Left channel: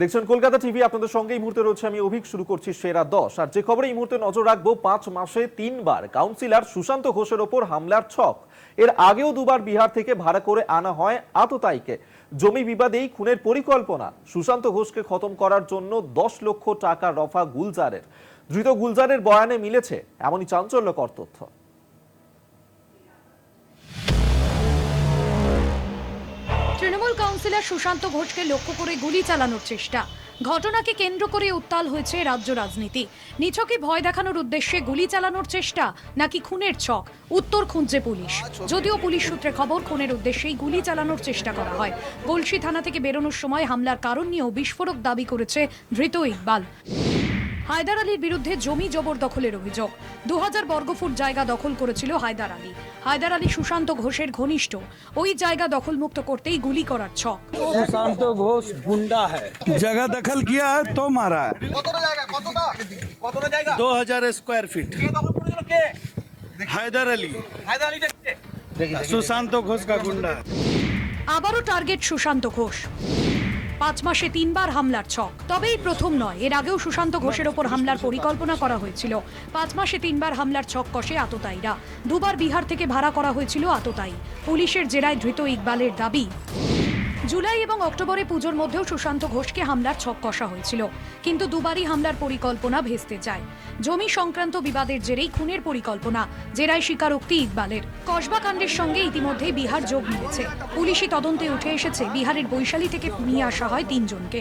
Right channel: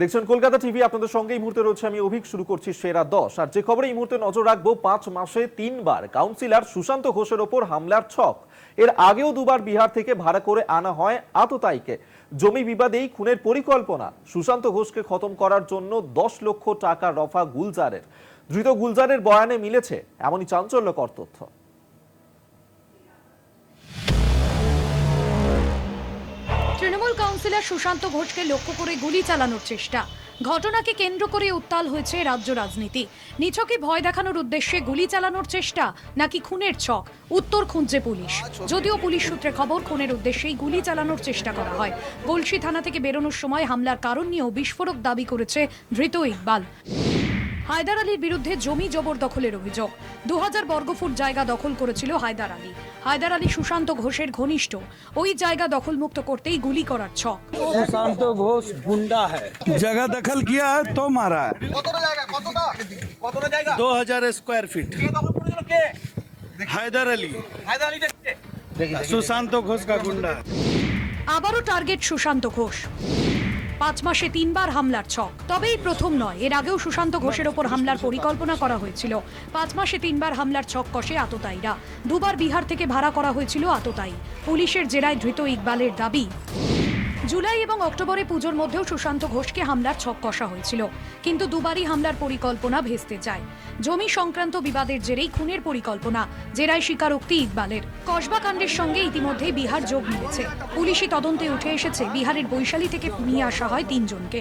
দেখছেন কলকাতা টিভি, আপনাদের সঙ্গে এই মুহূর্তে রয়েছে আমি অভিক। শুরু করছি সেরা 10। আর যে খবরে এই মুহূর্তে নজর রাখবো, 5 মাসে 3 বার কাউন্সিলর সুশান্ত ঘোষের ওপর হামলার ছক। এর আগেও দুবার বিহার থেকে ভাড়া করে আনা হয় আততায়ীকে। জমি বিবাদেই খুনের পরিকল্পনা। সুশান্ত ঘোষকে খতম করার জন্য 10 লক্ষ টাকা রফা গুলজারের। ধৃত গুলজারের বয়ানে মিলেছে এমনই চাঞ্চল্যকর তথ্য। তৃণমূল কাউন্সিলর সুশান্ত ঘোষকে লক্ষ্য করে গুলি চালানোর চেষ্টা। ঘটনাকে কেন্দ্র করে উত্তাল হয়েছে রাজ্য রাজনীতি। নিছকে ভয় দেখানোর উদ্দেশ্যে গুলি চালানোর চেষ্টা নাকি খুনের ছক, উত্তর খুঁজছে পুলিশ। যদিও পুলিশ সূত্রে খবর, খুনের উদ্দেশ্যেই গুলি চালানোর চেষ্টা করা হয়। গলসি থানা থেকে বেরোনোর সময় হামলার কারণ নিয়েও বিস্ফোরক দাবি করেছে ধৃত ইকবাল। হায়দার আলীর বিরুদ্ধে জমি জবরদখলের অভিযোগ। 2000 বর্গফুট জায়গা দখল করেছিল হায়দার আলী। হায়দার আলী সুশান্ত ঘোষের ঘনিষ্ঠ। ওই জায়গা দখলমুক্ত করতেই গুলি করার ছক। सुशांत घोष गुंडा है, जगह दखल किया है तो मारा है। 2000 स्क्वायर फीट। हैदर अली सुशांत घोष का गुंडा। আবারও টার্গেট সুশান্ত ঘোষ। 5 মাসে 3 বার হামলার ছক। তবে এই প্রথম নয়, এর আগেও সুশান্ত ঘোষের ওপর হামলার পরিকল্পনা করা হয়েছিল। 5 মাসে 3 বার হামলার ছক কষে আততায়ীরা। দুবার বিহার থেকে ভাড়া করা হয়েছিল আততায়ী। পুলিশের জেরায় ধৃত ইকবালের দাবি, জুলাই এবং অক্টোবরে পুজোর মধ্যেও সুশান্ত ঘোষকে হামলার ছক কষা হয়েছিল, কিন্তু দুবারই হামলার পরিকল্পনা ভেস্তে যায়। জমি সংক্রান্ত বিবাদের জেরেই খুনের পরিকল্পনা, জেরায় স্বীকারোক্তি ইকবালের। কসবা কাণ্ডের সঙ্গে ইতিমধ্যেই বিহার যোগ দিয়েছে। পুলিশি তদন্তে উঠে এসেছে বিহারের বৈশালী থেকে নিয়ে আসা হয় 3 জনকে।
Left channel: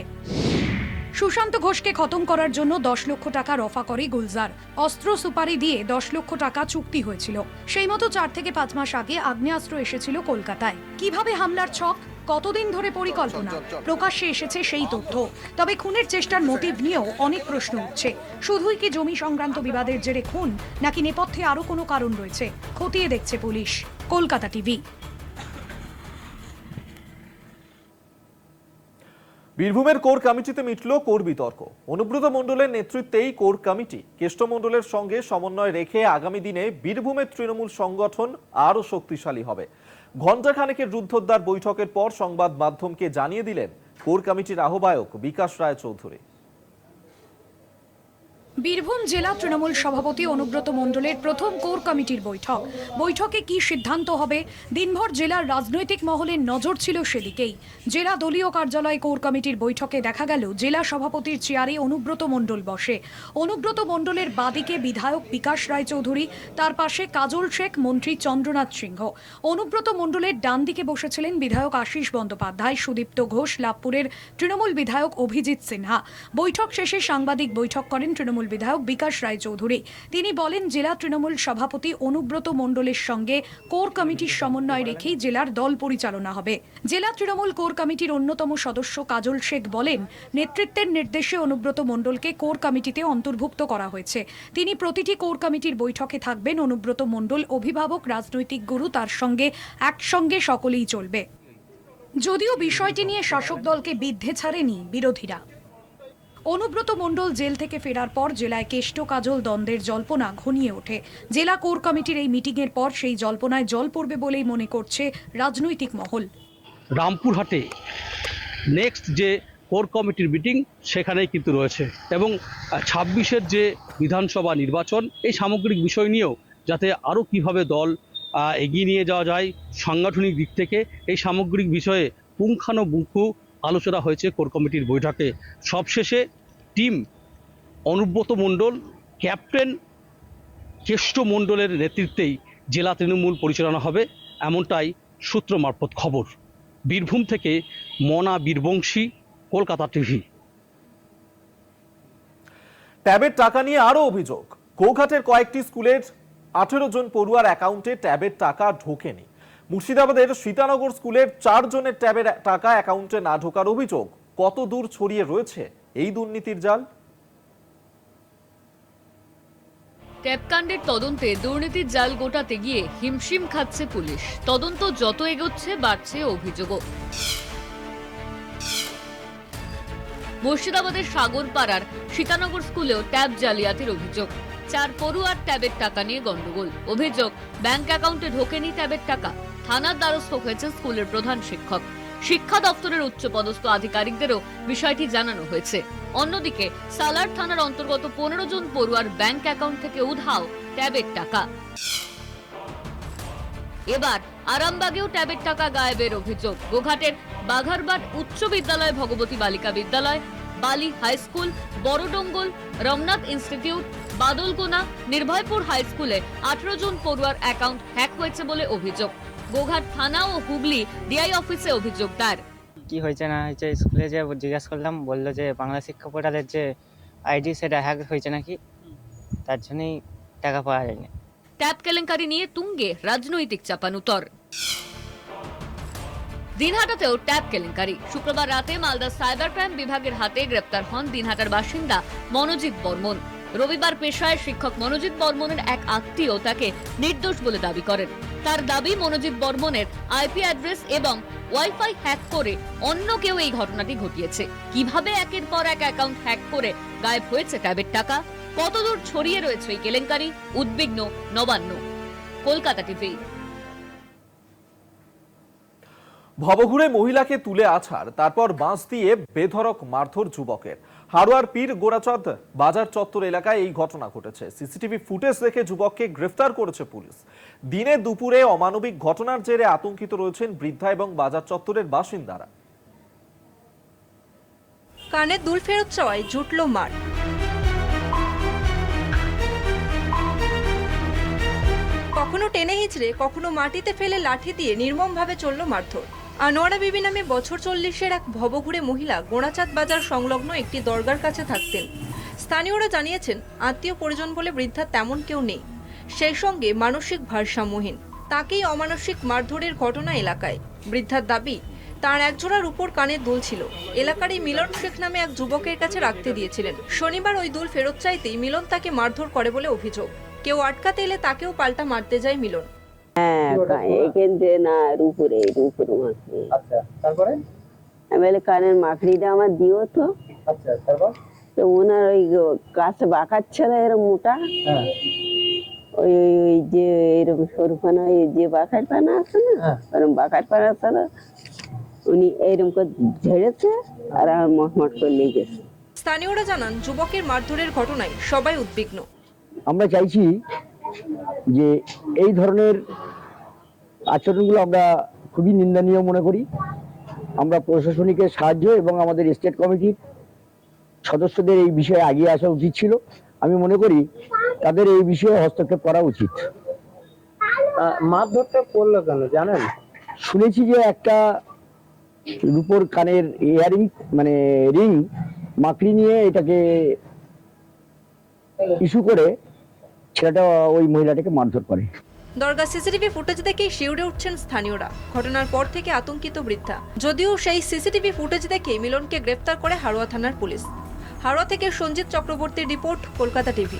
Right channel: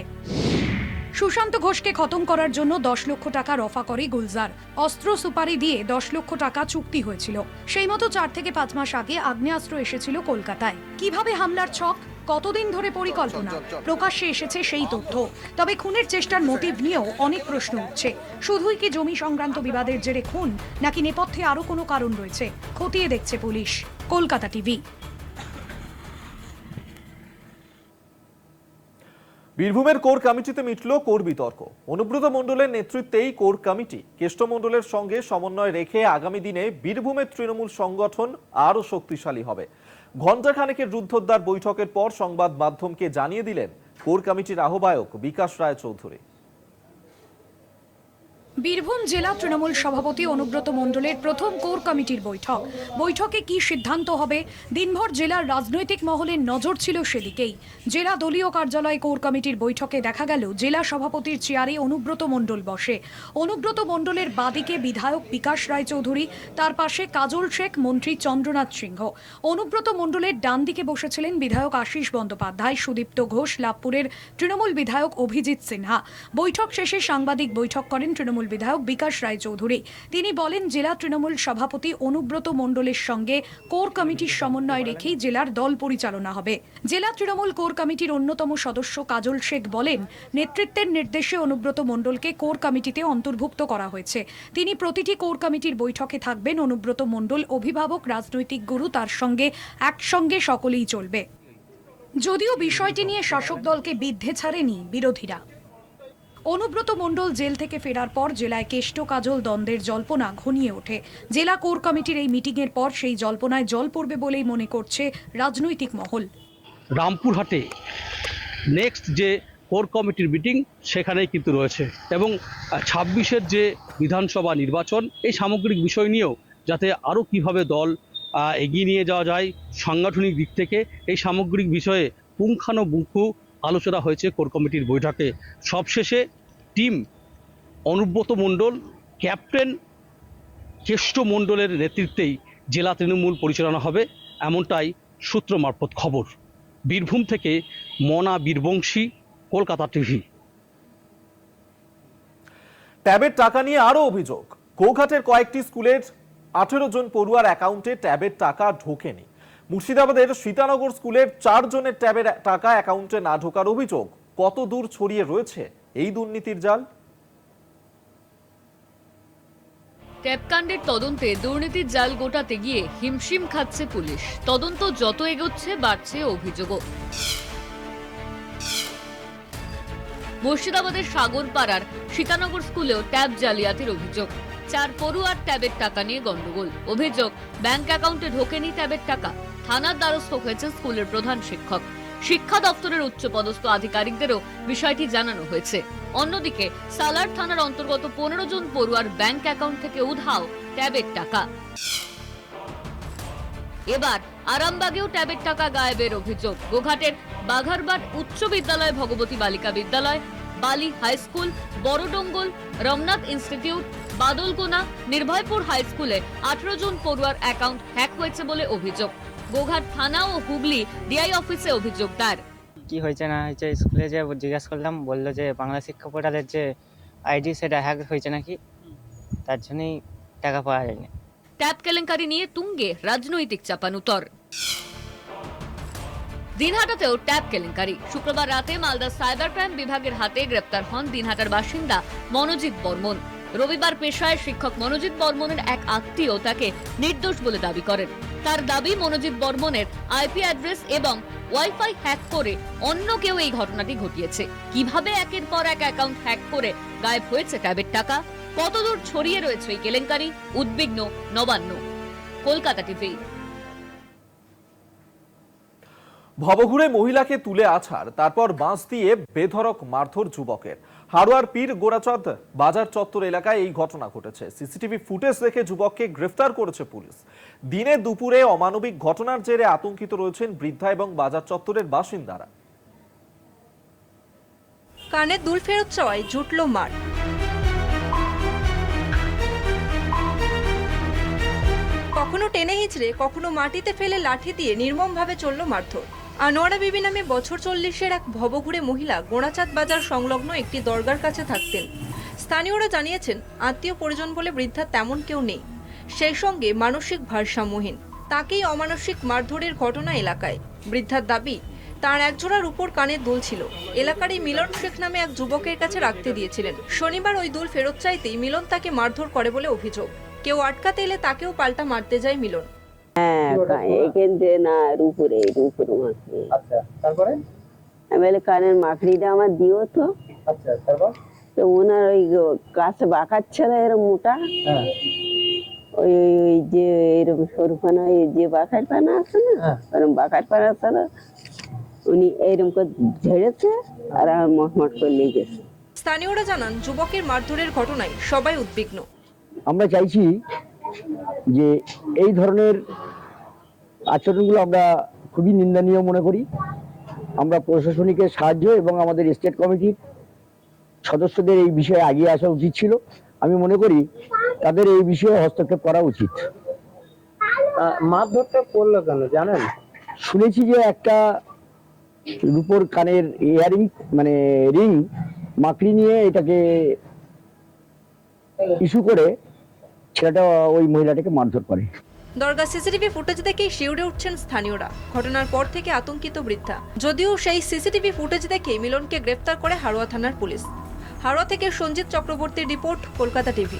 সুশান্ত ঘোষকে খতম করার জন্য 10 লক্ষ টাকা রফা করে গুলজার। অস্ত্র সুপারি দিয়ে 10 লক্ষ টাকা চুক্তি হয়েছিল। সেই মতো 4 থেকে 5 মাস আগে আগ্নেয়াস্ত্র এসেছিল কলকাতায়। কিভাবে হামলার ছক, কতদিন ধরে পরিকল্পনা, প্রকাশ্যে এসেছে সেই তথ্য। তবে খুনের চেষ্টার মোটিভ নিয়েও অনেক প্রশ্ন উঠছে। শুধুই কি জমি সংক্রান্ত বিবাদের জেরে খুন, নাকি নেপথ্যে আরো কোনো কারণ রয়েছে, খতিয়ে দেখছে পুলিশ। কলকাতা টিভি। বীরভূমের কোর কমিটিতে মিটল কোর বিতর্ক। অনুব্রত মণ্ডলের নেতৃত্বেই কোর কমিটি। কেষ্ট মণ্ডলের সঙ্গে সমন্বয় রেখে আগামী দিনে বীরভূমের তৃণমূল সংগঠন আরো শক্তিশালী হবে। ঘণ্টাখানেকের রুদ্ধদ্বার বৈঠকের পর সংবাদ মাধ্যমকে জানিয়ে দিলেন কোর কমিটির আহ্বায়ক বিকাশ রায় চৌধুরী। বীরভূম জেলা তৃণমূল সভাপতি অনুব্রত মণ্ডলের প্রথম কোর কমিটির বৈঠক। বৈঠকে কি সিদ্ধান্ত হবে, দিনভর জেলার রাজনৈতিক মহলের নজর ছিল সেদিকেই। জেলা দলীয় কার্যালয় কোর কমিটির বৈঠকে দেখা গেল জেলা সভাপতির চেয়ারে অনুব্রত মণ্ডল বসে। অনুব্রত মণ্ডলের বাদিকে বিধায়ক বিকাশ রায় চৌধুরী, তার পাশে কাজল শেখ, মন্ত্রী চন্দ্রনাথ সিংহ। অনুব্রত মণ্ডলের ডান দিকে বসেছিলেন বিধায়ক আশিস বন্দ্যোপাধ্যায়, সুদীপ্ত ঘোষ, লাভপুরের তৃণমূল বিধায়ক অভিজিৎ সিনহা। বৈঠক শেষে সাংবাদিক বৈঠক করেন তৃণমূল বিধায়ক বিকাশ রায় চৌধুরী। তিনি বলেন, জেলা তৃণমূল সভাপতি অনুব্রত মণ্ডলের সঙ্গে কোর কমিটির সমন্বয় রেখেই জেলার দল পরিচালনা হবে। জেলা তৃণমূল কোর কমিটির অন্যতম সদস্য কাজল শেখ বলেন, নেতৃত্বের নির্দেশে অনুব্রত মণ্ডলকে কোর কমিটিতে অন্তর্ভুক্ত করা হয়েছে। তিনি প্রতিটি কোর কমিটির বৈঠকে থাকবেন। অনুব্রত মণ্ডল অভিভাবক, রাজনৈতিক গুরু, তার সঙ্গে একসঙ্গে সকলেই চলবে। যদিও বিষয়টি নিয়ে শাসক দলকে বিদ্ধে ছাড়েনি বিরোধীরা। অনুব্রত মণ্ডল জেল থেকে ফেরার পর জেলায় কেষ্ট কাজল দ্বন্দ্বের জল্পনা ঘনিয়ে ওঠে। জেলা কোর কমিটির এই মিটিংয়ের পর সেই জল্পনায় জল পড়বে বলেই মনে করছে রাজনৈতিক মহল। রামপুরহাটে নেক্সট যে কোর কমিটির মিটিং সেখানেই কিন্তু রয়েছে, এবং 26-এর যে বিধানসভা নির্বাচন, এই সামগ্রিক বিষয় নিয়েও যাতে আরও কিভাবে দল এগিয়ে নিয়ে যাওয়া যায় সাংগঠনিক দিক থেকে, এই সামগ্রিক বিষয়ে পুঙ্খানুপুঙ্খু আলোচনা হয়েছে কোর কমিটির বৈঠকে। সবশেষে টিম অনুব্রত মণ্ডল, ক্যাপ্টেন কেষ্ট মণ্ডলের নেতৃত্বেই জেলা তৃণমূল পরিচালনা হবে, এমনটাই সূত্র মারফত খবর। বীরভূম থেকে মনা বীরবংশী, কলকাতা টিভি। ট্যাবের টাকা নিয়ে আরো অভিযোগ। গৌঘাটের কয়েকটি স্কুলের 18 জন পড়ুয়ার অ্যাকাউন্টে ট্যাবের টাকা ঢোকেনি। মুর্শিদাবাদের সীতানগর স্কুলের 4 জনের ট্যাবের টাকা অ্যাকাউন্টে না ঢোকার অভিযোগ। কত দূর ছড়িয়ে রয়েছে এই দুর্নীতির জাল? ট্যাবকাণ্ডের তদন্তে দুর্নীতির জাল গোটাতে গিয়ে হিমশিম খাচ্ছে পুলিশ। তদন্ত যত এগোচ্ছে বাড়ছে অভিযোগও। মুর্শিদাবাদের সাগরপাড়ার সীতানগর স্কুলেও ট্যাব জালিয়াতির অভিযোগ। 4 পড়ুয়ার ট্যাবের টাকা নিয়ে গন্ডগোল। অভিযোগ, ব্যাংক অ্যাকাউন্টে ঢোকেনি ট্যাবের টাকা। থানার দ্বারস্থ হয়েছে স্কুলের প্রধান শিক্ষক। শিক্ষা দপ্তরের উচ্চপদস্থ আধিকারিকদেরও বিষয়টি জানানো হয়েছে। অন্যদিকে সালার থানার অন্তর্গত 15 জন পড়ুয়ার ব্যাংক অ্যাকাউন্ট থেকে উধাও ট্যাবের টাকা। এবার আরামবাগেও ট্যাবের টাকা গায়েবের অভিযোগ। গোঘাটের বাঘারবাট উচ্চ বিদ্যালয়, ভগবতী বালিকা বিদ্যালয়, বালি high school, বড়ডঙ্গল, Ramnath institute, বাদলকোনা, Nirbhaypur high স্কুলে 18 জন পড়ুয়ার অ্যাকাউন্ট হ্যাক হয়েছে বলে অভিযোগ। গোঘাট থানা ও হুগলি ডিআই অফিসে অভিযোগ দায়ের। কি হয়েছে না হয়েছে স্কুলে যে জিজ্ঞাসা করলাম, বললো যে বাংলা শিক্ষা পোর্টালের যে আইডি সেটা হ্যাক হয়েছে নাকি, তার জন্যই টাকা পাওয়া যায়নি। ট্যাব কেলেঙ্কারি নিয়ে তুঙ্গে রাজনৈতিক চাপানুতর। দিনহাটাতেও ট্যাব কেলেঙ্কারি। শুক্রবার রাতে মালদা সাইবার ক্রাইম বিভাগের হাতে গ্রেপ্তার হন দিনহাটার বাসিন্দা মনোজিৎ বর্মন। রবিবার পেশায় শিক্ষক মনোজিৎ বর্মনের এক আত্মীয় তাকে নির্দোষ বলে দাবি করেন। তার দাবি, মনোজিৎ বর্মনের আইপি অ্যাড্রেস এবং ওয়াইফাই হ্যাক করে অন্য কেউ এই ঘটনাটি ঘটিয়েছে। কিভাবে একের পর এক অ্যাকাউন্ট হ্যাক করে গায়েব হয়েছে ট্যাবের টাকা, কতদূর ছড়িয়ে রয়েছে এই কেলেঙ্কারি, উদ্বিগ্ন নবান্ন। কলকাতা টিভি। ভবঘুরে মহিলাকে তুলে আছাড়, তারপর বাঁশ দিয়ে বেধড়ক মারধর যুবকের। হাড়োয়ার পীর গোড়াচাঁদ বাজার চত্বর এলাকায় এই ঘটনা ঘটেছে। সিসিটিভি ফুটেজ দেখে যুবককে গ্রেফতার করেছে পুলিশ। দিনে দুপুরে অমানবিক ঘটনার জেরে আতঙ্কিত রয়েছেন বৃদ্ধা এবং বাজার চত্বরের বাসিন্দারা। কানে দুল ফেরত চাওয়ায় জুটল মার। কখনো টেনে হিঁচড়ে, কখনো মাটিতে ফেলে লাঠি দিয়ে নির্মমভাবে চলল মারধর। আনোয়ারা বিবি নামে বছর 40-এর এক ভবঘুরে মহিলা গোড়াচাঁদ বাজার সংলগ্ন একটি দরগার কাছে থাকতেন। স্থানীয়রা জানিয়েছেন, আত্মীয় পরিজন বলে বৃদ্ধা তেমন কেউ নেই, সেই সঙ্গে মানসিক ভারসাম্যহীন। তাকেই অমানসিক মারধরের ঘটনা এলাকায়। বৃদ্ধার দাবি, তার একজোড়ার উপর কানের দুল ছিল। এলাকারই মিলন শেখ নামে এক যুবকের কাছে রাখতে দিয়েছিলেন। শনিবার ওই দুল ফেরত চাইতেই মিলন তাকে মারধর করে বলে অভিযোগ। কেউ আটকাতে এলে তাকেও পাল্টা মারতে যায় মিলন। কানের মাকড়িটা আমার দিও তো। তো ওনার ওই গাছে বাঁকাচ্ছে না এরকম মোটা, ওই যে এরকম সরু পানা, ওই যে বাঁকার পানা আছে না, ওরকম বাঁকার পানা ছাড়া উনি এইরকম করে ঝেড়েছে আর আমার মটমট করে নিয়ে গেছে। স্থানীয়রা জানান, যুবকের মারধরের ঘটনায় সবাই উদ্বিগ্ন। আমরা চাইছি যে এই ধরনের আচরণগুলো আমরা খুবই নিন্দনীয় মনে করি। আমরা প্রশাসনিকের সাহায্য এবং আমাদের স্টেট কমিটির সদস্যদের এই বিষয়ে এগিয়ে আসা উচিত ছিল। আমি মনে করি তাদের এই বিষয়ে হস্তক্ষেপ করা উচিত। মারধরটা করলো কেন জানেন? শুনেছি যে একটা রূপোর কানের ইয়ারিং মানে রিং মাকড়ি নিয়ে এটাকে ইস্যু করে ছেলেটা ওই মহিলাটাকে মারধর করে। দরগা সিসিটিভি ফুটেজ দেখে শিউরে উঠছেন স্থানীয়রা। ঘটনার পর থেকে আতঙ্কিত বৃদ্ধা। যদিও সেই সিসিটিভি ফুটেজ দেখে মিলনকে গ্রেফতার করে হাড়োয়া থানার পুলিশ। হাড়োয়া থেকে সঞ্জিত চক্রবর্তীর রিপোর্ট, কলকাতা টিভি।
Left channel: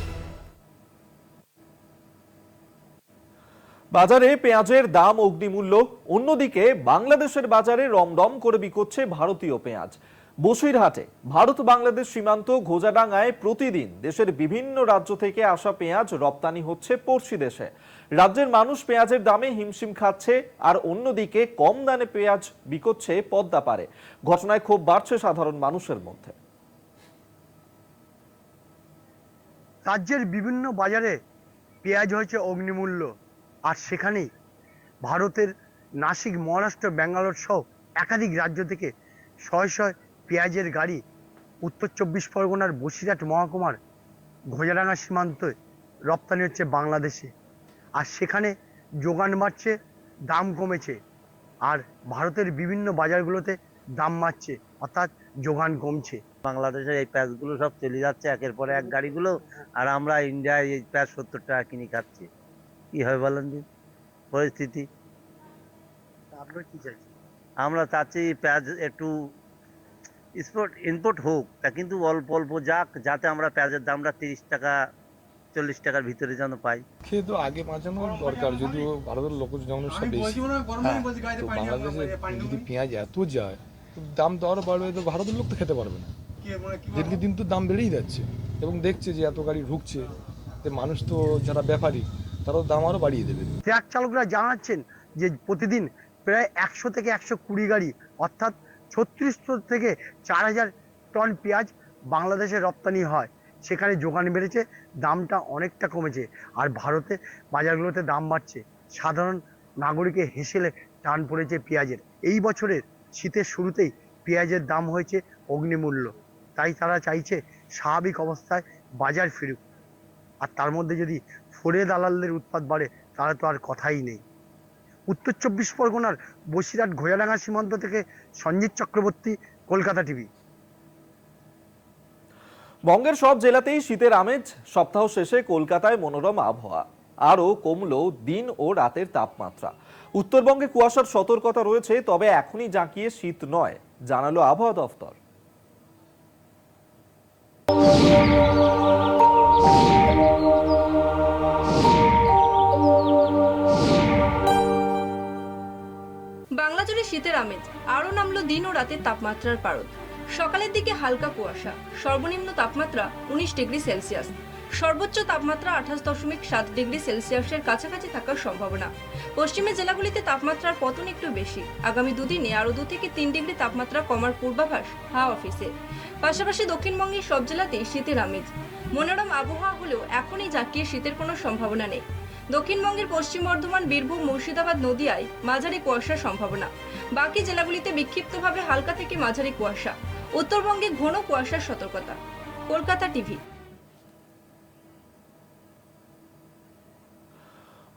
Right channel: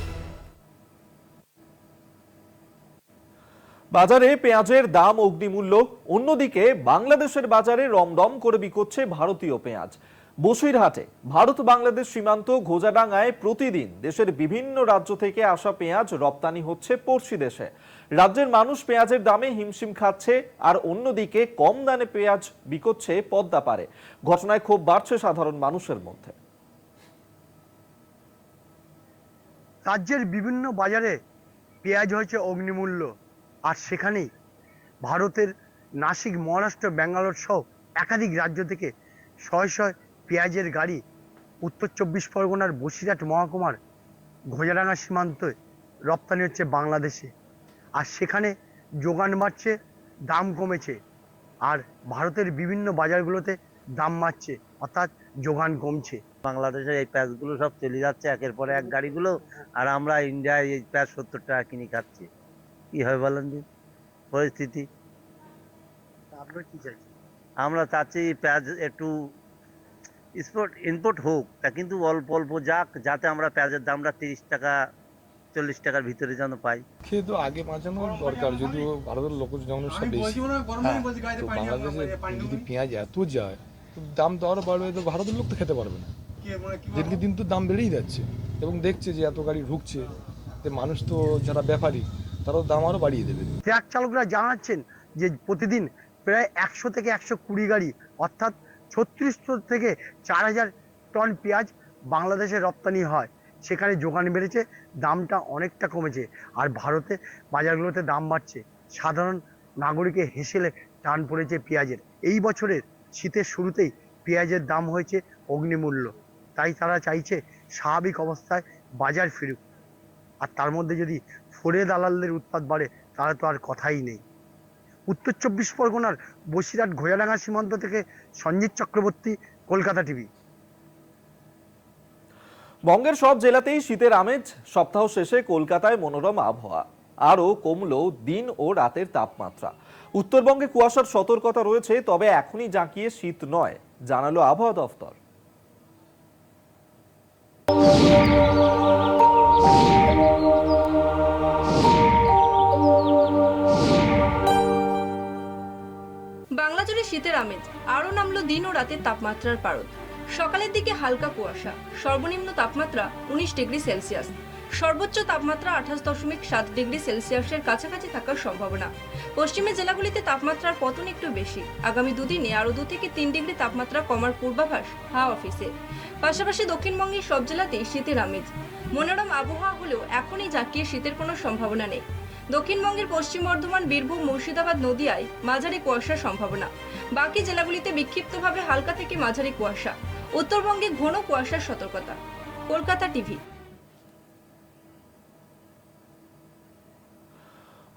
বাজারে পেঁয়াজের দাম অগ্নিমূল্য, অন্যদিকে বাংলাদেশের বাজারে রমরম করে বিকোচ্ছে ভারতীয় পেঁয়াজ। বসিরহাটে ভারত বাংলাদেশ সীমান্ত ঘোজাডাঙ্গায় প্রতিদিন দেশের বিভিন্ন রাজ্য থেকে আসা পেঁয়াজ রপ্তানি হচ্ছে পড়শি দেশে। রাজ্যের মানুষ পেঁয়াজের দামে হিমশিম খাচ্ছে, আর অন্যদিকে কম দামে পেঁয়াজ বিকোচ্ছে পদ্মা পারে। ঘটনায় ক্ষোভ বাড়ছে সাধারণ মানুষের মধ্যে। রাজ্যের বিভিন্ন বাজারে পেঁয়াজ হয়েছে অগ্নিমূল্য, আর সেখানেই ভারতের নাসিক, মহারাষ্ট্র, ব্যাঙ্গালোর সহ একাধিক রাজ্য থেকে শয়ে শয়ে পেঁয়াজের গাড়ি উত্তর 24 পরগনার বসিরহাট মহকুমার ঘোজাডাঙ্গা সীমান্তে রপ্তানি হচ্ছে বাংলাদেশে। আর সেখানে যোগান বাড়ছে, দাম কমেছে, আর ভারতের বিভিন্ন বাজারগুলোতে দাম বাড়ছে, অর্থাৎ যোগান কমছে। বাংলাদেশের এই পেঁয়াজগুলো সব চলে যাচ্ছে একের পরে এক গাড়িগুলো, আর আমরা ইন্ডিয়ায় এই পেঁয়াজ 70 টাকা কিনে খাচ্ছি। কি হবে বলেন দিন পরিস্থিতি? আপনারা কি চাইছেন? আমরা চাচ্ছি পেঁয়াজ একটু ইম্পোর্ট হোক, তা কিন্তু অল্প অল্প যাক, যাতে আমরা পেঁয়াজের দামটা 30 টাকা 40 টাকার ভিতরে যেন পাই। খেয়ে তো আগে বাঁচানো দরকার, যদিও ভারতের লোক জনসংখ্যা বেশি, তো বাংলাদেশে যদি পেঁয়াজ এত যায় তো দাম তো আরো বাড়বে, তো ভারতের লোক তো খেতে পারবে না। দিনকে দিন তো দাম বেড়েই যাচ্ছে, এবং দেখছে যে এত গাড়ি ঢুকছে, যে মানুষ তো যারা ব্যাপারী তারাও দাম আরো বাড়িয়ে দেবে। ট্রাক চালকরা জানাচ্ছেন যে প্রতিদিন প্রায় 100 থেকে 120 গাড়ি অর্থাৎ 36 থেকে 4000 টন পেঁয়াজ বাংলাদেশে রপ্তানি হয়, সেখানে যোগান বেড়েছে, দামটা অনেকটা কমেছে। আর ভারতে বাজারগুলোতে দাম বাড়ছে, সাধারণ নাগরিকের হেসেলে টান পড়েছে পেঁয়াজের। এই বছরের শীতের শুরুতেই পেঁয়াজের দাম হয়েছে অগ্নিমূল্য, তাই তারা চাইছে স্বাভাবিক অবস্থায় বাজার ফিরুক। আর তার মধ্যে যদি ফোরে দালালদের উৎপাত বাড়ে তাহলে তো আর কথাই নেই। উত্তর 24 পরগনার বসিরহাট ঘোড়াডাঙ্গা সীমান্ত থেকে সঞ্জিত চক্রবর্তী, কলকাতা টিভি। বঙ্গের সব জেলাতেই শীতের আমেজ। সপ্তাহ শেষে কলকাতায় মনোরম আবহাওয়া, আরও কমলো দিন ও রাতের তাপমাত্রা। উত্তরবঙ্গে কুয়াশার সতর্কতা রয়েছে, তবে এখনই জাঁকিয়ে শীত নয়, জানালো আবহাওয়া দফতর। বাংলা জুড়ে শীতের আমেজ, আরও নামলো দিন ও রাতের তাপমাত্রার পারদ। সকালের দিকে হালকা কুয়াশা, সর্বনিম্ন তাপমাত্রা 19 ডিগ্রি সেলসিয়াস, সর্বোচ্চ তাপমাত্রা 28.7 ডিগ্রি সেলসিয়াসের কাছাকাছি থাকার সম্ভাবনা। পশ্চিমের জেলাগুলিতে তাপমাত্রার পতন একটু বেশি। আগামী দুদিনে আরও 2 থেকে 3 ডিগ্রি তাপমাত্রা কমার পূর্বাভাস হাওয়া অফিসে। পাশাপাশি দক্ষিণবঙ্গের সব জেলাতেই শীতের আমেজ। মনোরম আবহাওয়া হলেও এখনই জাঁকিয়ে শীতের কোনো সম্ভাবনা নেই। দক্ষিণবঙ্গের পশ্চিম বর্ধমান, বীরভূম, মুর্শিদাবাদ, নদিয়ায় মাঝারি কুয়াশার সম্ভাবনা। বাকি জেলাগুলিতে বিক্ষিপ্তভাবে হালকা থেকে মাঝারি কুয়াশা। উত্তরবঙ্গে ঘন কুয়াশার সতর্কতা। কলকাতা টিভি।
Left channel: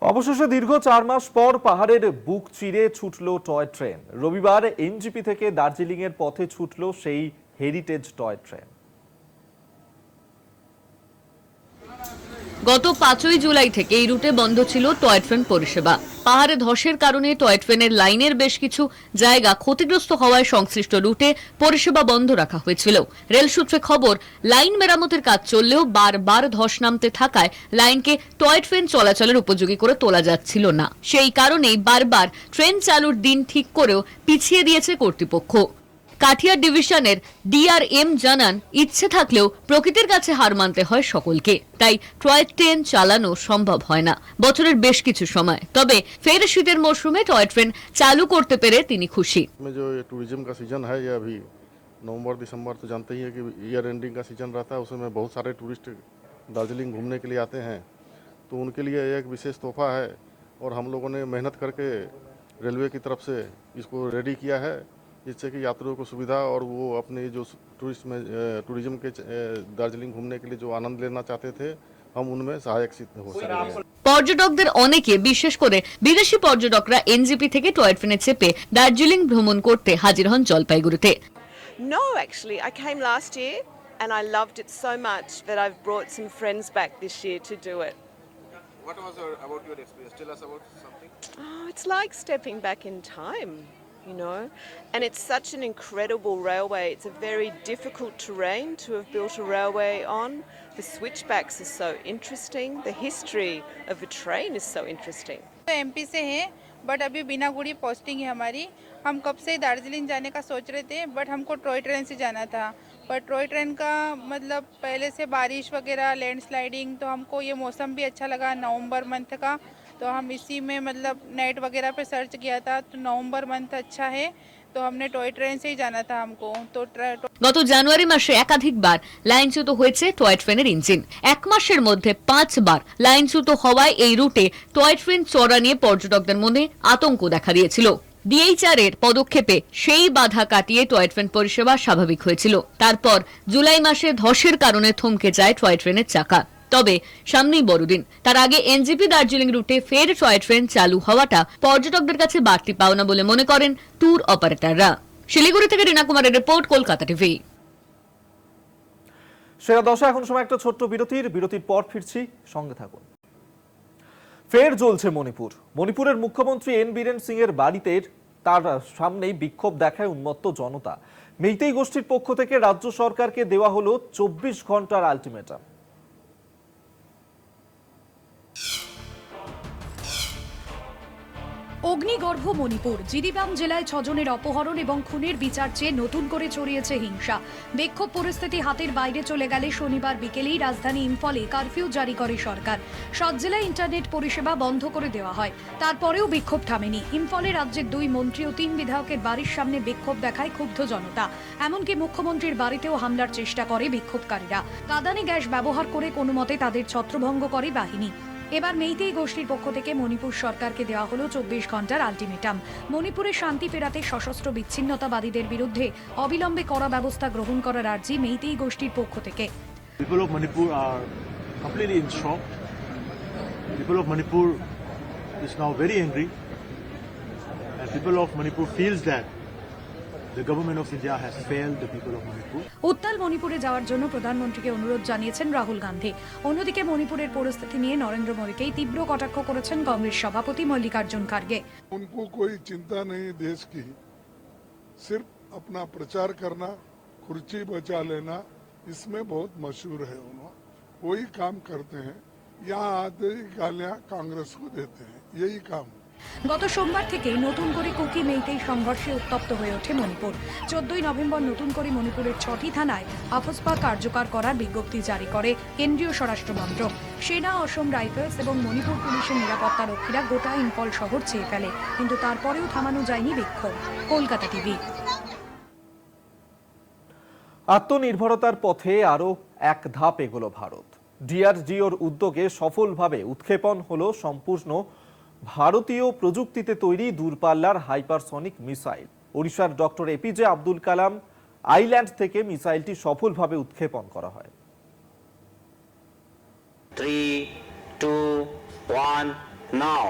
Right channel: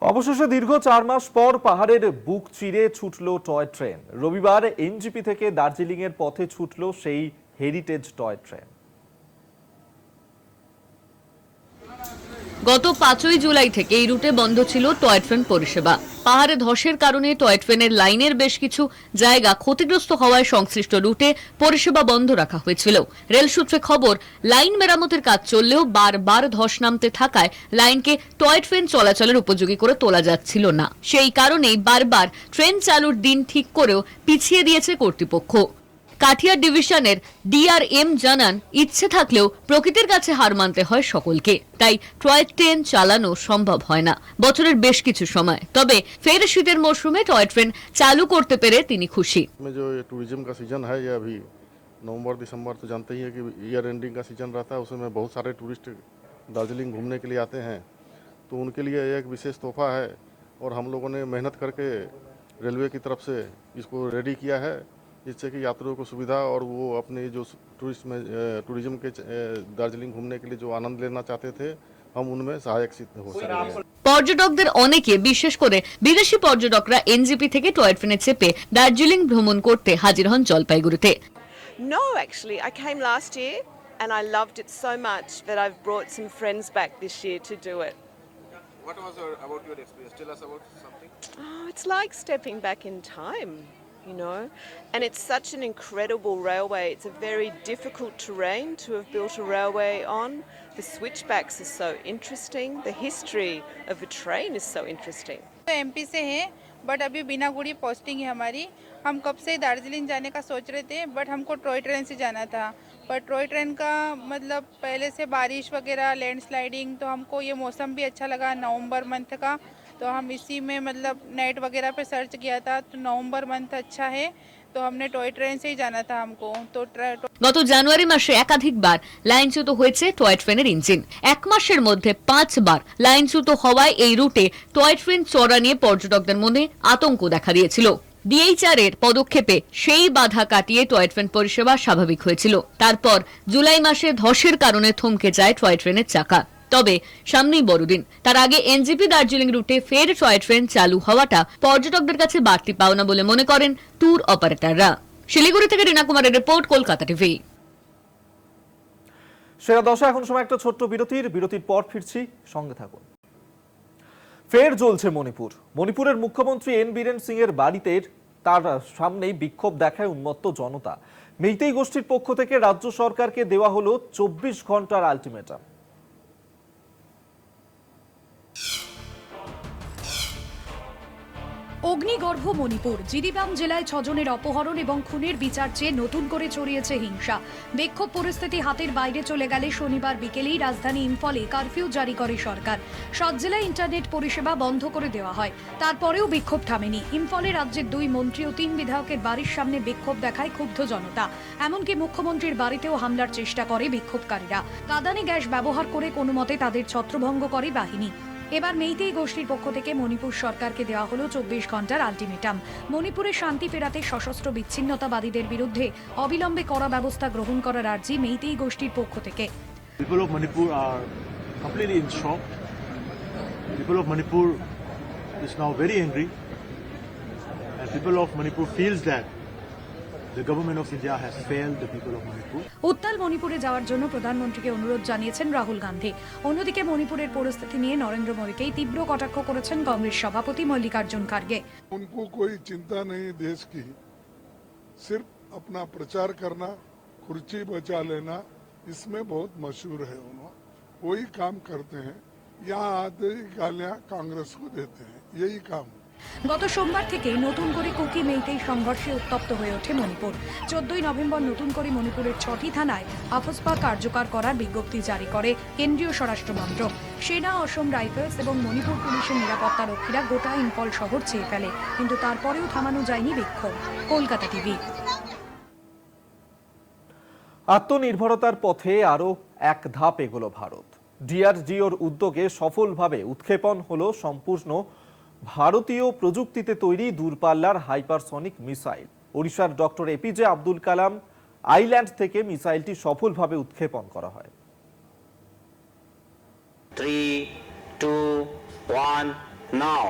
অবশেষে দীর্ঘ 4 মাস পর পাহাড়ের বুক চিরে ছুটল টয় ট্রেন। রবিবার এনজিপি থেকে দার্জিলিং এর পথে ছুটল সেই হেরিটেজ টয় ট্রেন। গত 5ই জুলাই থেকে এই রুটে বন্ধ ছিল টয় ট্রেন পরিষেবা। পাহাড়ে ধসের কারণে টয় ট্রেনের লাইনের বেশ কিছু জায়গা ক্ষতিগ্রস্ত হওয়ায় সংশ্লিষ্ট রুটে পরিষেবা বন্ধ রাখা হয়েছিল। রেল সূত্রে খবর, লাইন মেরামতের কাজ চললেও বারবার ধস নামতে থাকায় লাইনকে টয় ট্রেন চলাচলের উপযোগী করে তোলা যাচ্ছিল না। সেই কারণেই বারবার ট্রেন চালুর দিন ঠিক করেও পিছিয়ে দিয়েছে কর্তৃপক্ষ। কাঠিয়ার ডিভিশনের ডিআরএম জানান, ইচ্ছে থাকলেও প্রকৃতির কাছে হার মানতে হয় সকলকে, তাই টয় ট্রেন চালানো সম্ভব হয় না বছরের বেশ কিছু সময়। তবে ফের শীতের মরশুমে টয় ট্রেন চালু করতে পেরে তিনি খুশি। टूरिज्म का सीजन है ये अभी नवंबर दिसंबर, तो जानते ही है कि ईयर एंडिंग का सीजन रहता है, उसमें बहुत सारे टूरिस्ट दार्जिलिंग घूमने के लिए आते हैं, तो उनके लिए एक विशेष तोहफा है। और हम लोगों ने मेहनत करके रेलवे की तरफ से इसको रेडी किया है, जिससे कि यात्रियों को सुविधा और वो अपने जो टूरिज्म के दार्जिलिंग घूमने के लिए जो आनंद लेना चाहते थे, हम उनमें सहायक सिद्ध हो सकेंगे। পর্যটকদের অনেকে, বিশেষ করে বিদেশি পর্যটকরা এনজিপি থেকে টয় ট্রেনে চেপে দার্জিলিং ভ্রমণ করতে হাজির হন জলপাইগুড়িতে। No, actually, I came last year and I loved it so much that I've brought some friends back this year to do it. What was about your experience? Tell us about something. Oh, it's like stepping back in time, you know, and it's such an incredible railway. It's a very difficult terrain to have built a railway on. The switchbacks are so interesting. The history of a train is so interesting. MP से है, but अभी Binaguri posting है हमारी। हम कब से दार्जिलिंग जाने का सोच रहे थे, बट हमको टॉय ट्रेन से जाना था। पर टॉय ट्रेन का मतलब पहले से बारिश वगैरह, लैंडस्लाइडिंग, तो हमको ये मौसम भी अच्छा लगा नवंबर मंथ का, तो हम इसी में मतलब नेट वगैरह पे सर्च किया था, तो नवंबर मंथ अच्छा है, तो हमने टॉय ट्रेन से ही जाना था हमको। तो গত জানুয়ারি মাসে একাধিকবার লাইনচ্যুত হয়েছে টয় ট্রেনের ইঞ্জিন। এক মাসের মধ্যে 5 বার লাইনচ্যুত হওয়ায় এই রুটে টয় ট্রেন চড়া নিয়ে পর্যটকদের মনে আতঙ্ক দেখা দিয়েছিল। ডিএইচআর এর পদক্ষেপে সেই বাধা কাটিয়ে টয় ট্রেন পরিষেবা স্বাভাবিক হয়েছিল। তারপর জুলাই মাসে ধসের কারণে থমকে যায় টয় ট্রেনের চাকা। তবে সামনেই বড়দিন, তার আগে এনজিপি দার্জিলিং রুটে ফের টয় ট্রেন চালু হওয়াটা পর্যটকদের কাছে বাড়তি পাওনা বলে মনে করেন ট্যুর অপারেটররা। শিলিগুড়ি থেকে রিনা কুমারের রিপোর্ট, কলকাতা টিভি। সেরা 10 এখন সময় একটা ছোট্ট বিরতির পর ফিরছি, সঙ্গে থাকুন। ফের জ্বলছে মণিপুর। মণিপুরের মুখ্যমন্ত্রী এন বীরেন সিং এর বাড়িতে তার সামনেই বিক্ষোভ দেখায় উন্মত্ত জনতা। মেইতেই গোষ্ঠীর পক্ষ থেকে রাজ্য সরকারকে দেওয়া হলো 24 ঘন্টার আলটিমেটাম। অগ্নিগর্ভ মণিপুর, জিরিবাম জেলায় 6 জনের অপহরণ এবং খুনের বিচার চেয়ে নতুন করে ছড়িয়েছে হিংসা। বিক্ষোভ পরিস্থিতি হাতের বাইরে চলে গেলে শনিবার বিকেলেই রাজধানী ইম্ফলে কারফিউ জারি করে সরকার। 7 জেলায় ইন্টারনেট পরিষেবা বন্ধ করে দেওয়া হয়। তারপরেও বিক্ষোভ থামেনি। ইম্ফলে রাজ্যের 2 মন্ত্রী ও 3 বিধায়কের বাড়ির সামনে বিক্ষোভ দেখায় ক্ষুব্ধ জনতা। এমনকি মুখ্যমন্ত্রীর বাড়িতেও হামলার চেষ্টা করে বিক্ষোভকারীরা। কাঁদানে গ্যাস ব্যবহার করে কোনো মতে তাদের ছত্রভঙ্গ করে বাহিনী। এবার মেইতেই গোষ্ঠীর পক্ষ থেকে মণিপুর সরকারকে দেওয়া হলো 24 ঘন্টার আলটিমেটাম। মণিপুরে শান্তি ফেরাতে সশস্ত্র বিচ্ছিন্নতাবাদীদের বিরুদ্ধে অবিলম্বে কড়া ব্যবস্থা গ্রহণ করার আর্জি মেইতেই গোষ্ঠীর পক্ষ থেকে। People of Manipur are completely in shock. People of Manipur is now very angry, and people of Manipur feels that the government of India has failed the people of Manipur. উত্তাল মণিপুরে যাওয়ার জন্য প্রধানমন্ত্রীকে অনুরোধ জানিয়েছেন রাহুল গান্ধী। অন্যদিকে মণিপুরের পরিস্থিতি নিয়ে নরেন্দ্র মোদীকেই তীব্র কটাক্ষ করেছেন কংগ্রেস সভাপতি মল্লিকার্জুন খার্গে। उनको कोई चिंता नहीं देश की, सिर्फ अपना प्रचार करना, कुर्सी बचा लेना, इसमें बहुत मशहूर है। उन्होंने वही काम करते हैं, यहाँ आते ही गालियाँ कांग्रेस को देते हैं, यही काम। গত সোমবার থেকে নতুন করে কুকি মেইতেই সংঘর্ষে উত্তপ্ত হয়ে ওঠে মণিপুর। 14ই নভেম্বর নতুন করে মণিপুরের 6টি থানায় আফস্পা কার্যকর করার বিজ্ঞপ্তি জারি করে কেন্দ্রীয় স্বরাষ্ট্র মন্ত্রক। সেনা, অসম রাইফেলস এবং মণিপুর পুলিশের নিরাপত্তা রক্ষীরা গোটা ইম্ফল শহর চেয়ে ফেলে, কিন্তু তারপরেও থামানো যায়নি বিক্ষোভ। কলকাতা টিভি। আত্মনির্ভরতার পথে আরো এক ধাপ এগোলো ভারত। ডিআরডিওর উদ্যোগে সফলভাবে উৎক্ষেপণ হলো সম্পূর্ণ ভারতীয় প্রযুক্তিতে তৈরি দূরপাল্লার হাইপারসনিক মিসাইল। ওড়িশার doctor APJ Abdul Kalam island থেকে মিসাইলটি সফলভাবে উৎক্ষেপণ করা হয়। 3, 2, 1, now.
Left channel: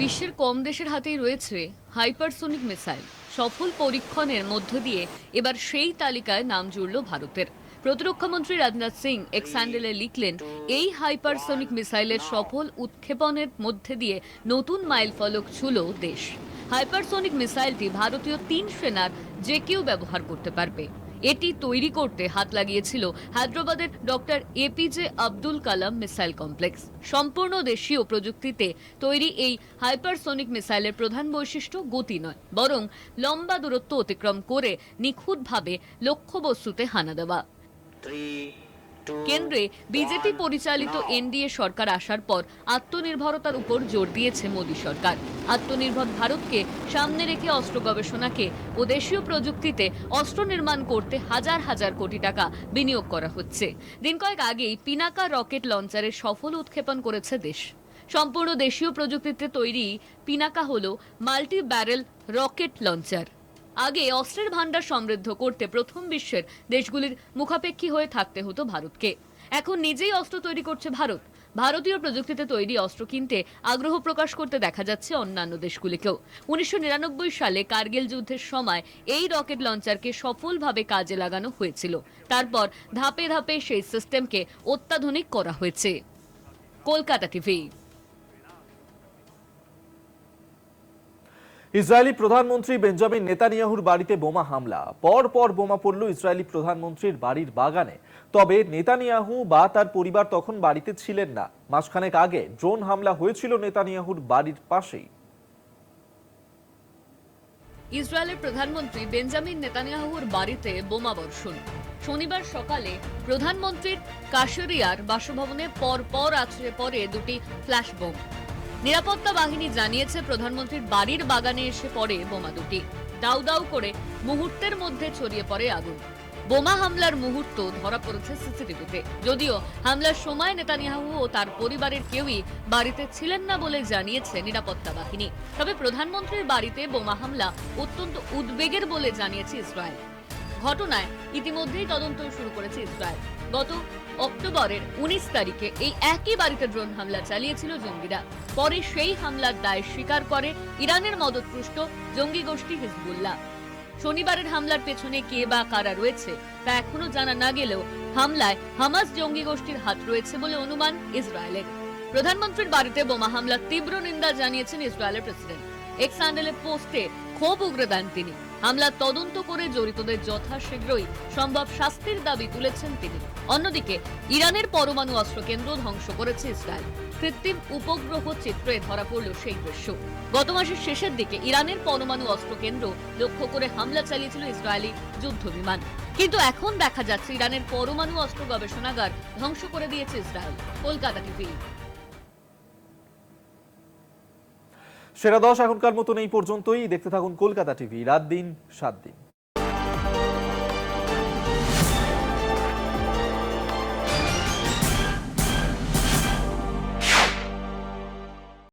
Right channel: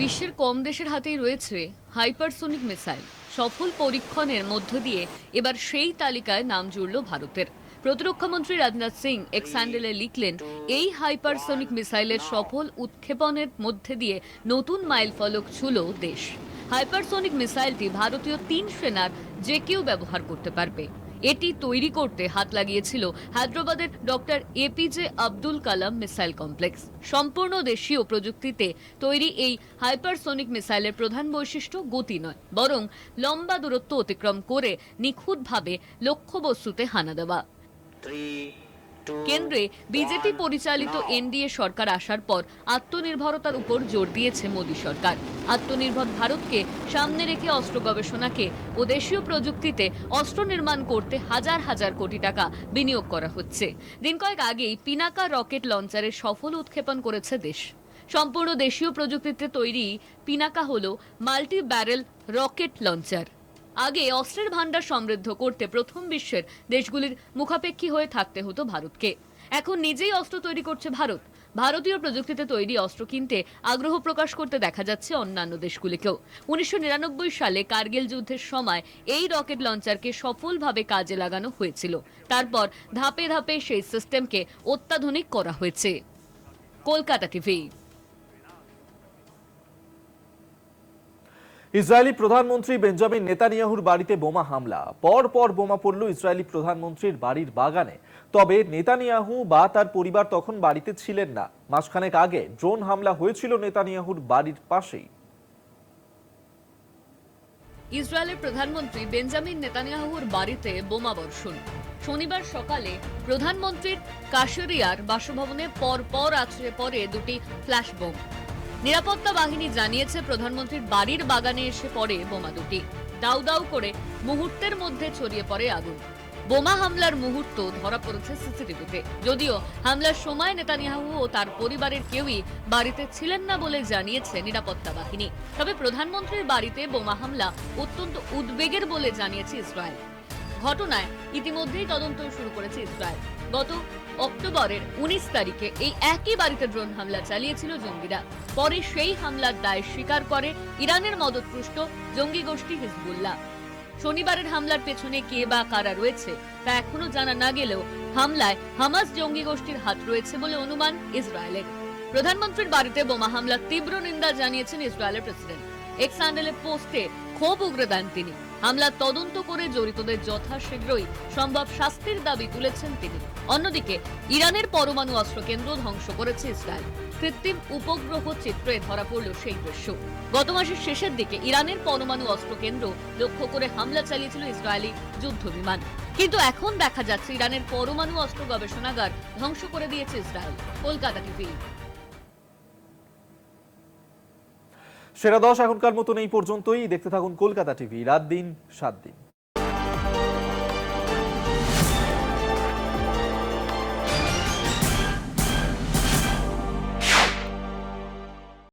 বিশ্বের কম দেশের হাতেই রয়েছে হাইপারসোনিক মিসাইল। সফল পরীক্ষণের মধ্য দিয়ে এবার সেই তালিকায় নাম জুড়ল ভারতের। প্রতিরক্ষামন্ত্রী রাজনাথ সিং এক্স হ্যান্ডেলে লিখলেন, এই হাইপারসোনিক মিসাইলের সফল উৎক্ষেপণের মধ্যে দিয়ে নতুন মাইলফলক ছুঁল দেশ। হাইপারসোনিক মিসাইলটি ভারতীয় 3 সেনার যে কেউ ব্যবহার করতে পারবে। এটি তৈরি করতে হাত লাগিয়েছিল হায়দ্রাবাদের doctor APJ Abdul Kalam missile complex. সম্পূর্ণ দেশীয় প্রযুক্তিতে তৈরি এই হাইপারসোনিক মিসাইলের প্রধান বৈশিষ্ট্য গতি নয়, বরং লম্বা দূরত্ব অতিক্রম করে নিখুঁতভাবে লক্ষ্যবস্তুতে হানা দেওয়া। কেন্দ্রে বিজেপি পরিচালিত এনডিএ সরকার আসার পর আত্মনির্ভরতার উপর জোর দিয়েছে মোদী সরকার। আত্মনির্ভর ভারতকে সামনে রেখে অস্ত্র গবেষণাকে ও দেশীয় প্রযুক্তিতে অস্ত্র নির্মাণ করতে হাজার হাজার কোটি টাকা বিনিয়োগ করা হচ্ছে। দিন কয়েক আগেই পিনাকা রকেট লঞ্চারের সফল উৎক্ষেপণ করেছে দেশ। সম্পূর্ণ দেশীয় প্রযুক্তিতে তৈরি পিনাকা হলো মাল্টি ব্যারেল রকেট লঞ্চার। আগে অস্ত্রের ভান্ডার সমৃদ্ধ করতে প্রথম বিশ্বের দেশগুলির মুখাপেক্ষী হয়ে থাকতে হতো ভারতকে। এখন নিজেই অস্ত্র তৈরি করছে ভারত। ভারতীয় প্রযুক্তিতে তৈরি অস্ত্র কিনতে আগ্রহ প্রকাশ করতে দেখা যাচ্ছে অন্যান্য দেশগুলিকেও। 1999 সালে কার্গিল যুদ্ধের সময় এই রকেট লঞ্চারকে সফলভাবে কাজে লাগানো হয়েছিল। তারপর ধাপে ধাপে সেই সিস্টেমকে অত্যাধুনিক করা হয়েছে। কলকাতা টিভি। ইসরায়েলি প্রধানমন্ত্রী বেঞ্জামিন নেতানিয়াহুর বাড়িতে বোমা হামলা। পর বোমা পড়ল ইসরায়েলি প্রধানমন্ত্রীর বাড়ির বাগানে। তবে নেতানিয়াহু বা তার পরিবার তখন বাড়িতে ছিলেন না। মাসখানেক আগে ড্রোন হামলা হয়েছিল নেতানিয়াহুর বাড়ির পাশেই। ইসরায়েলের প্রধানমন্ত্রী বেঞ্জামিন নেতানিয়াহুর বাড়িতে বোমা বর্ষণ। শনিবার সকালে প্রধানমন্ত্রীর কাশেরিয়ার বাসভবনে পর আছড়ে পড়ে 2টি ফ্ল্যাশ বোম। নিরাপত্তা বাহিনী জানিয়েছে প্রধানমন্ত্রীর বাড়ির বাগানে এসে পড়ে বোমা দুটি। দাউ দাউ করে মুহূর্তের মধ্যে ছড়িয়ে পড়ে আগুন। বোমা হামলার মুহূর্ত ধরা পড়েছে সিসিটিভিতে। যদিও হামলার সময় নেতানিয়াহু ও তার পরিবারের কেউই বাড়িতে ছিলেন না বলে জানিয়েছে নিরাপত্তা বাহিনী। তবে প্রধানমন্ত্রীর বাড়িতে বোমা হামলা অত্যন্ত উদ্বেগের বলে জানিয়েছে ইসরায়েল। ঘটনায় ইতিমধ্যেই তদন্ত শুরু করেছে ইসরায়েল। গত অক্টোবরের 19 তারিখে এই একই বাড়িতে ড্রোন হামলা চালিয়েছিল জঙ্গিরা। পরে সেই হামলার দায় স্বীকার করে ইরানের মদতপুষ্ট জঙ্গি গোষ্ঠী হিজবুল্লাহ। শনিবারের হামলার পেছনে কে বা কারা রয়েছে তা এখনো জানা না গেলেও হামলায় হামাস জঙ্গি গোষ্ঠীর হাত রয়েছে বলে অনুমান ইসরায়েলের। প্রধানমন্ত্রীর বাড়িতে বোমা হামলার তীব্র নিন্দা জানিয়েছেন ইসরায়েলের প্রেসিডেন্ট। এক্স হ্যান্ডেলে পোস্টে ক্ষোভ উগরে দেন তিনি। হামলার তদন্ত করে জড়িতদের যথাশীঘ্রই সম্ভব শাস্তির দাবি তুলেছেন তিনি। অন্যদিকে ইরানের পরমাণু অস্ত্র কেন্দ্র ধ্বংস করেছে ইসরায়েল। কৃত্রিম উপগ্রহ চিত্রে ধরা পড়ল সেই দৃশ্য। গত মাসের শেষের দিকে ইরানের পরমাণু অস্ত্র কেন্দ্র লক্ষ্য করে হামলা চালিয়েছিল ইসরায়েলি যুদ্ধ বিমান, কিন্তু এখন দেখা যাচ্ছে ইরানের পরমাণু অস্ত্র গবেষণাগার ধ্বংস করে দিয়েছে ইসরায়েল। কলকাতা টিভি। সেরা 10 এখনকার মতন এই পর্যন্তই। দেখতে থাকুন কলকাতা টিভি, রাত দিন 7 দিন।